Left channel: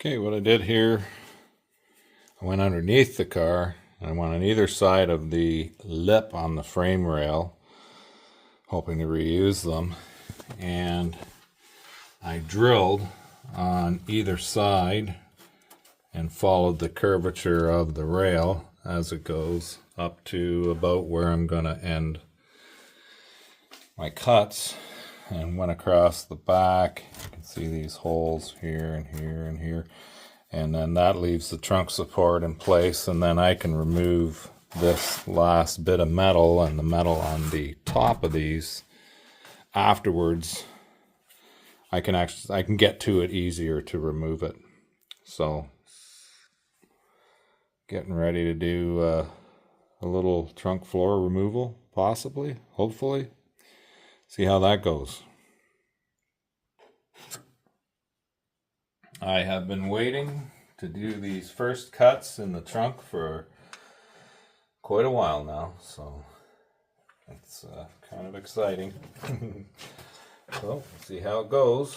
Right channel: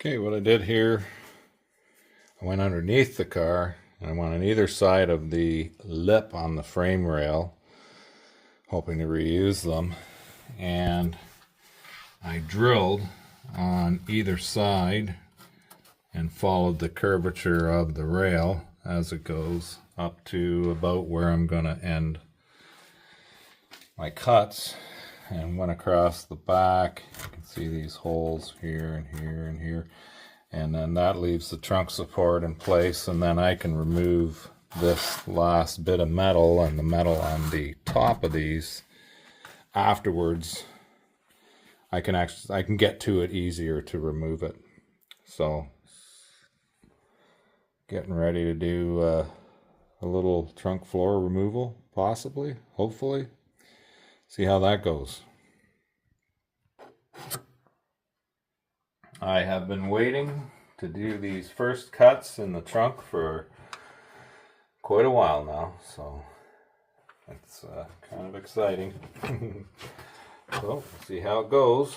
Okay, what I did here, I went underneath the car, and I went on either side of the lip on the frame rail, hoping to reuse them, and I drilled on either side and followed the curvature of the rail as it goes up to about where I'm going to end my cuts, and went across the back. You can see these holes here and here and here, and then that leaves the trunk support in place, and then I can remove this last bit of metal and the metal on the top of these afterwards. I can get to it easier to remove it. So getting ready to do a little trunk floor removal, possibly, hopefully. See how that goes. I have been waiting to do these first cuts in the trunk for quite a while now, so it's kind of exciting. So, we'll see how it goes.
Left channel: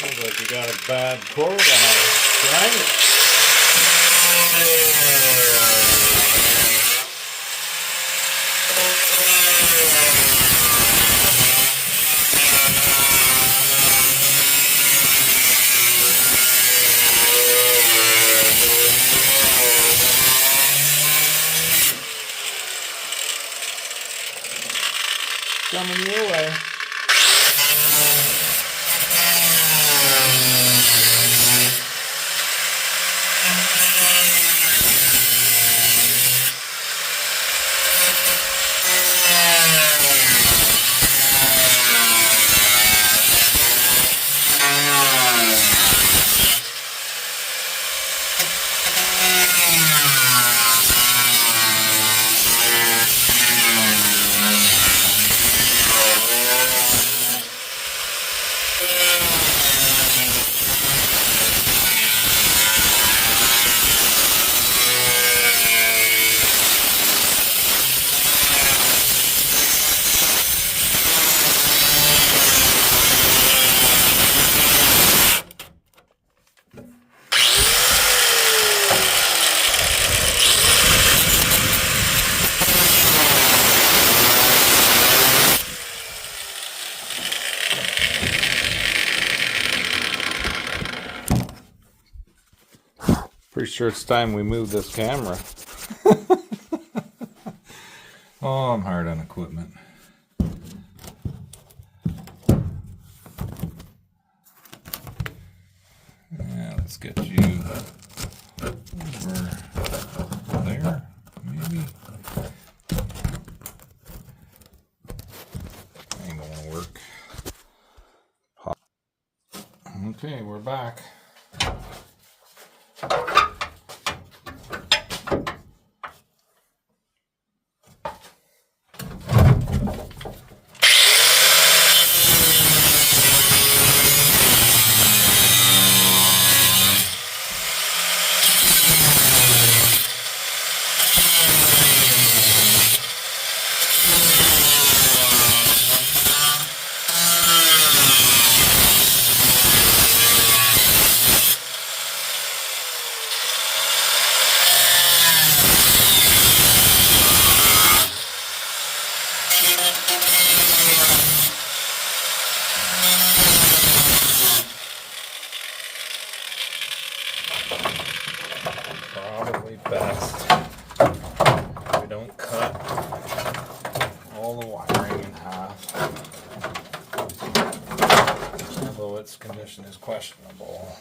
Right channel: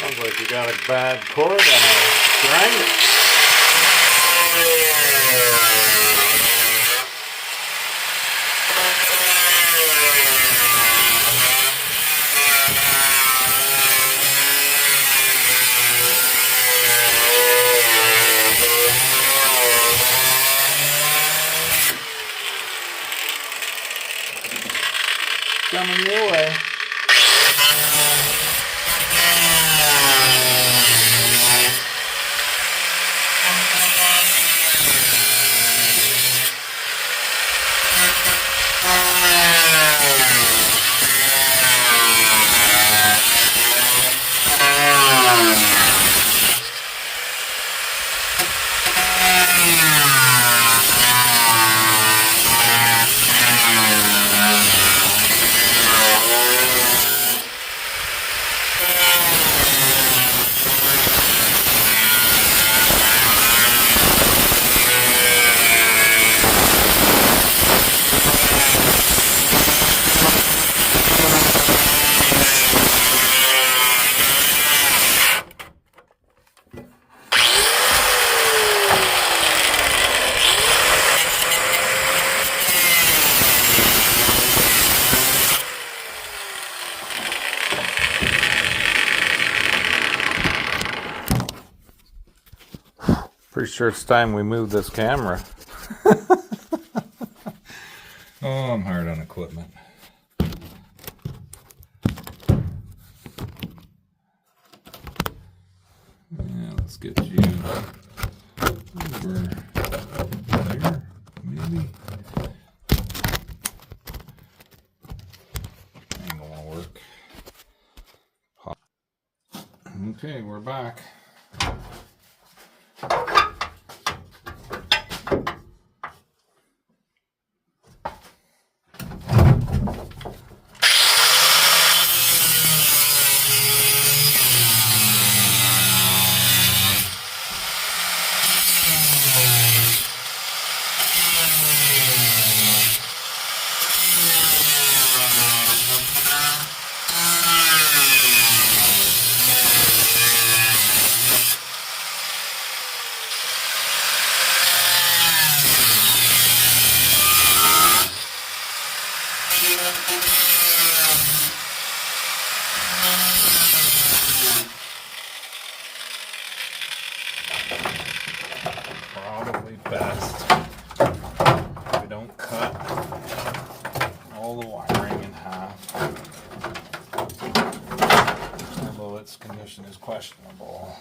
Sounds like you got a bad cord on a grinder. Coming your way. Pretty sure it's time we move this camera. Oh, I'm hard on equipment. Yeah, let's get you over there, maybe. Ain't gonna work. Okay, we're back. probably best we don't cut all the wiring in half, although its condition is questionable.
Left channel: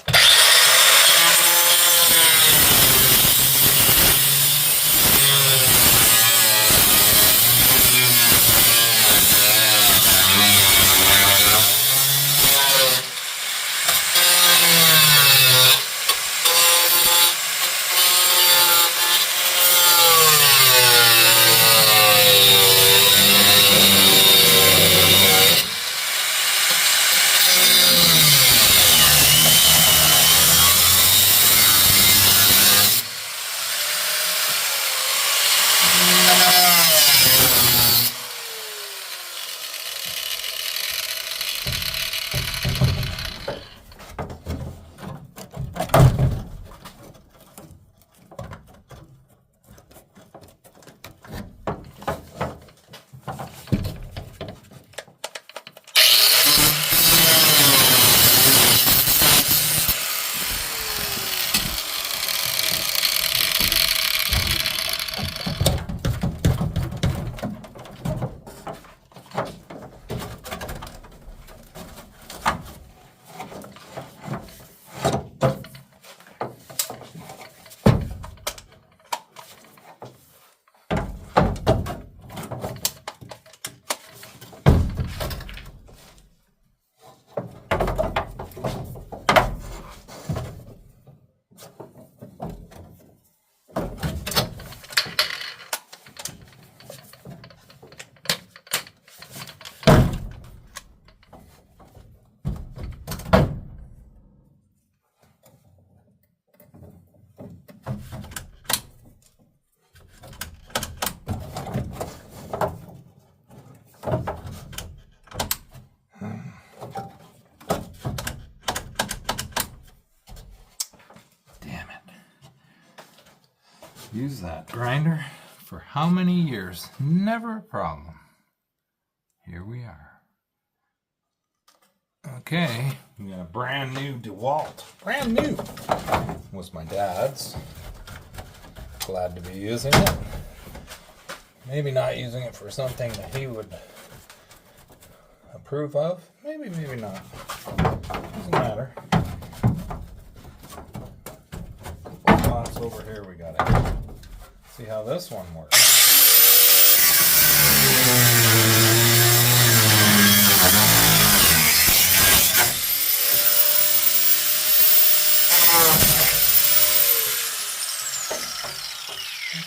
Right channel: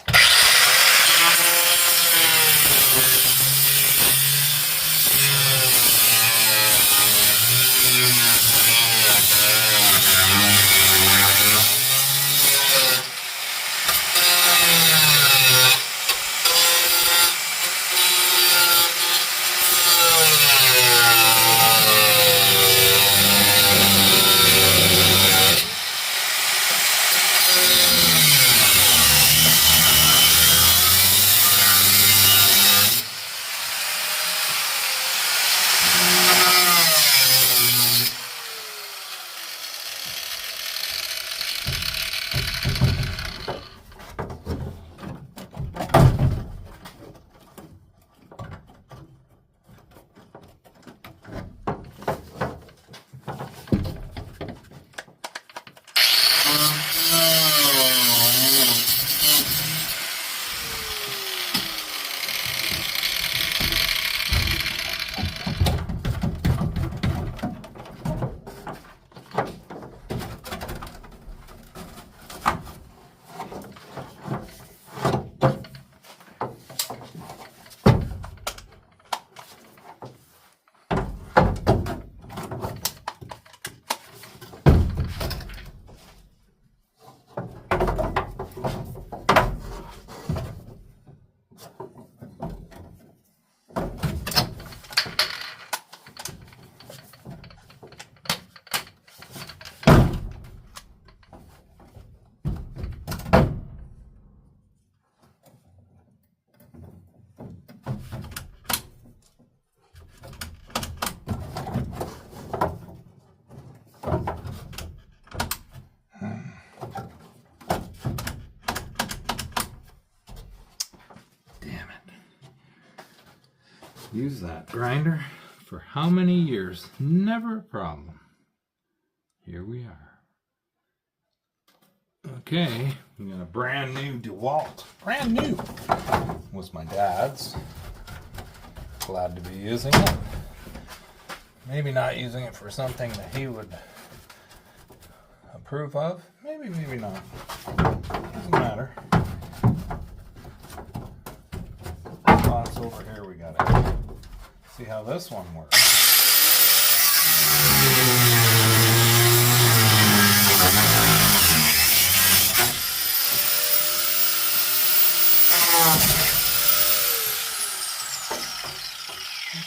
Use that grinder for how many years? Never a problem. Here we are. Okay, we got a brand new DeWalt. Brand new. Was my dad's. Glad to be using it. Maybe not using it for something that he would approve of. Maybe, maybe not. Doesn't matter. Box over here we got it. See how this one works.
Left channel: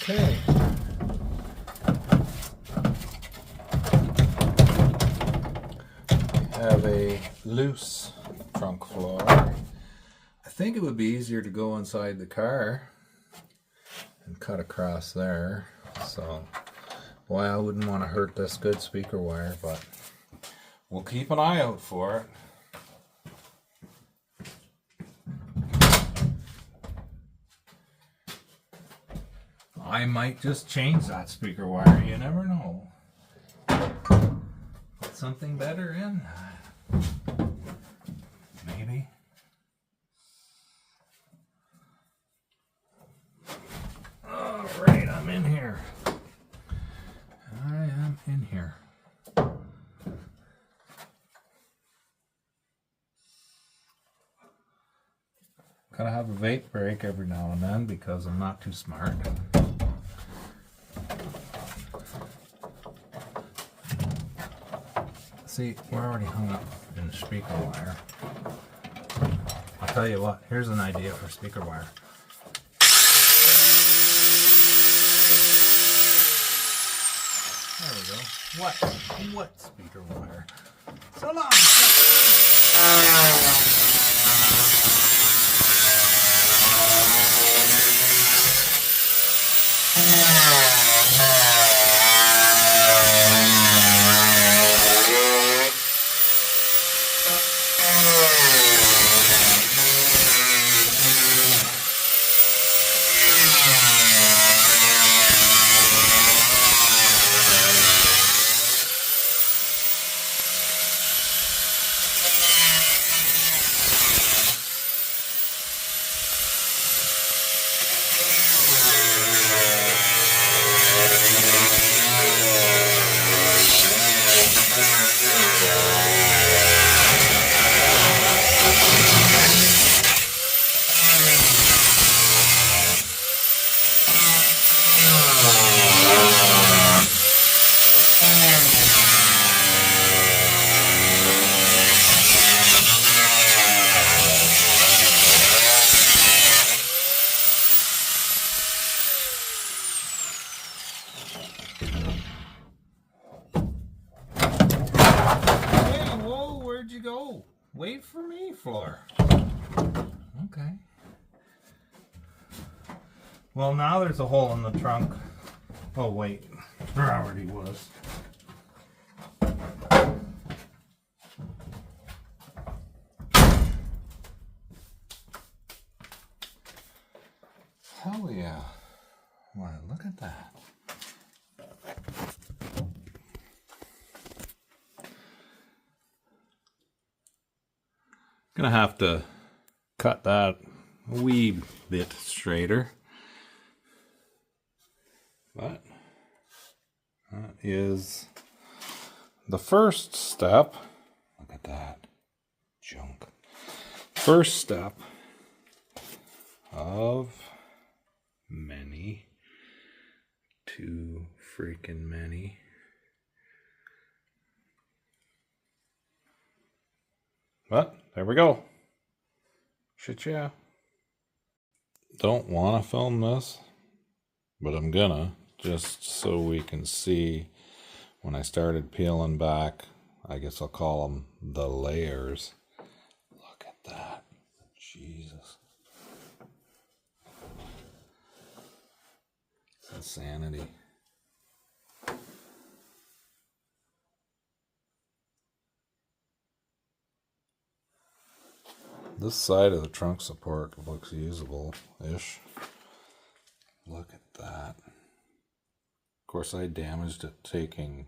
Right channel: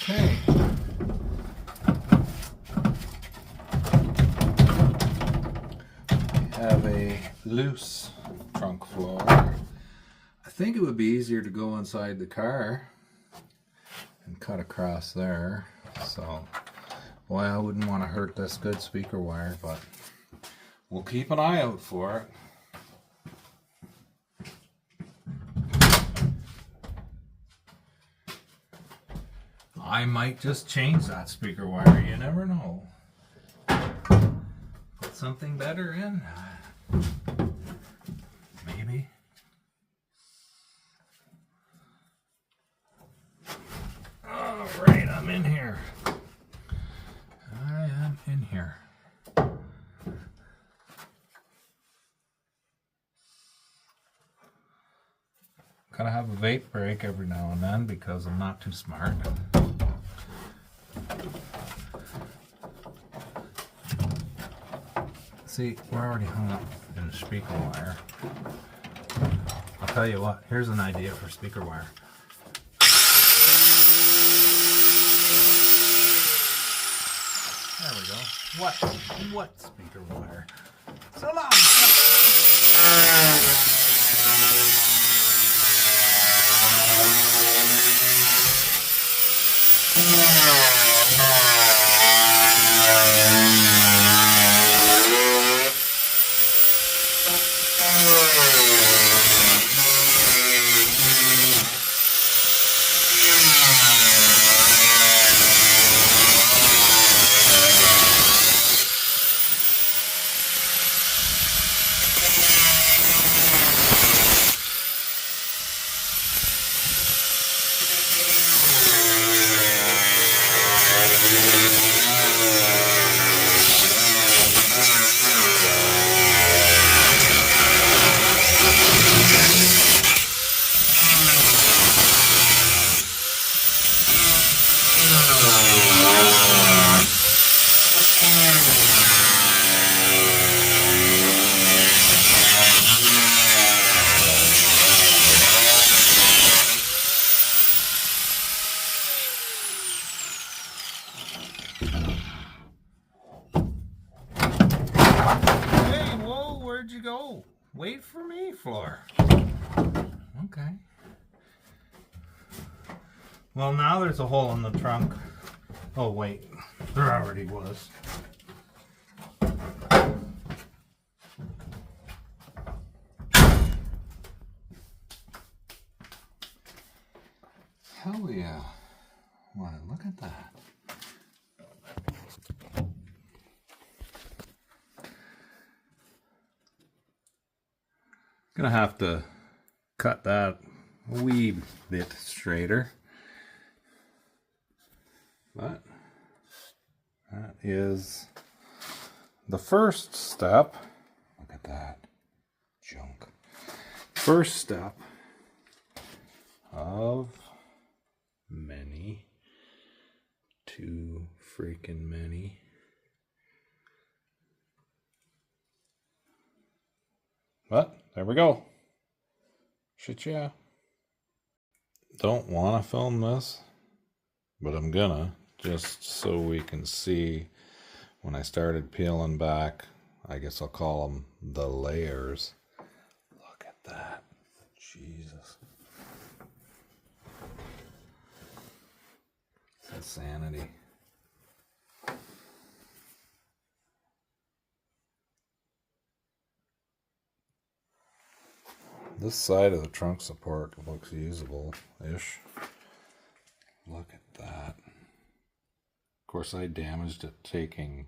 Okay. Have a loose trunk floor. I think it would be easier to go inside the car and cut across there. So, boy, I wouldn't want to hurt this good speaker wire, but we'll keep an eye out for it. I might just change that speaker wire, you never know. Put something better in. Maybe. Alright, I'm in here. I am in here. Gotta have a vape break every now and then because I'm not too smart. See, we're already hung up in the speaker wire. I'll tell you what, here's an idea for speaker wire. There we go. What speaker wire? So long, Wait for me, Fleur. Okay. Well, now there's a hole in the trunk. Oh, wait. There already was. Hell yeah. Why, look at that. Gonna have to cut that a wee bit straighter. But that is the first step. Look at that junk. First step of many. Too freaking many. But there we go. Shit, yeah. Don't want to film this, but I'm gonna, just so we can see when I started peeling back. I guess I'll call them the layers. Look at that. Jesus. It's insanity. This side of the trunk support looks usable-ish. Look at that. Of course, I damaged it taking,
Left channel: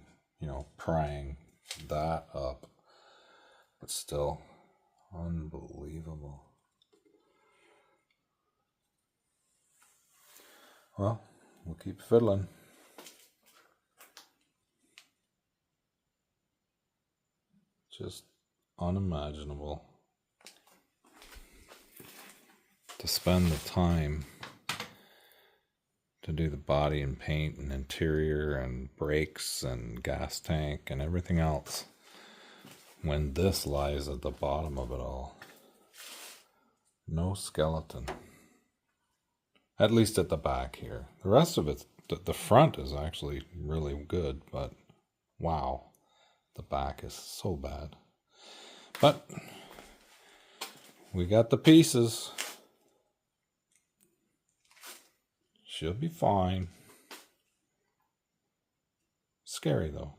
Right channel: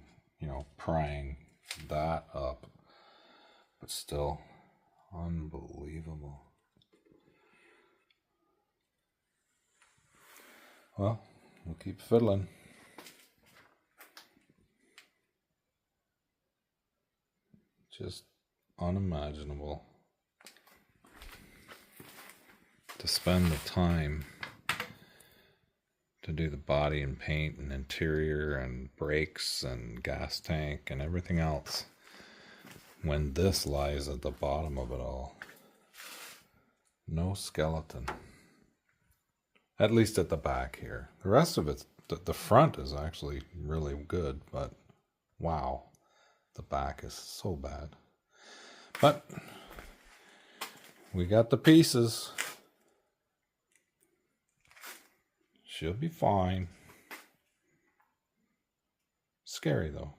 prying that up. But still, unbelievable. Well, we'll keep fiddling. Just unimaginable to spend the time to do the body and paint and interior and brakes and gas tank and everything else when this lies at the bottom of it all. No skeleton. At least at the back here. The rest of it, the front is actually really good, but wow, the back is so bad. But we got the pieces. She'll be fine. Scary though.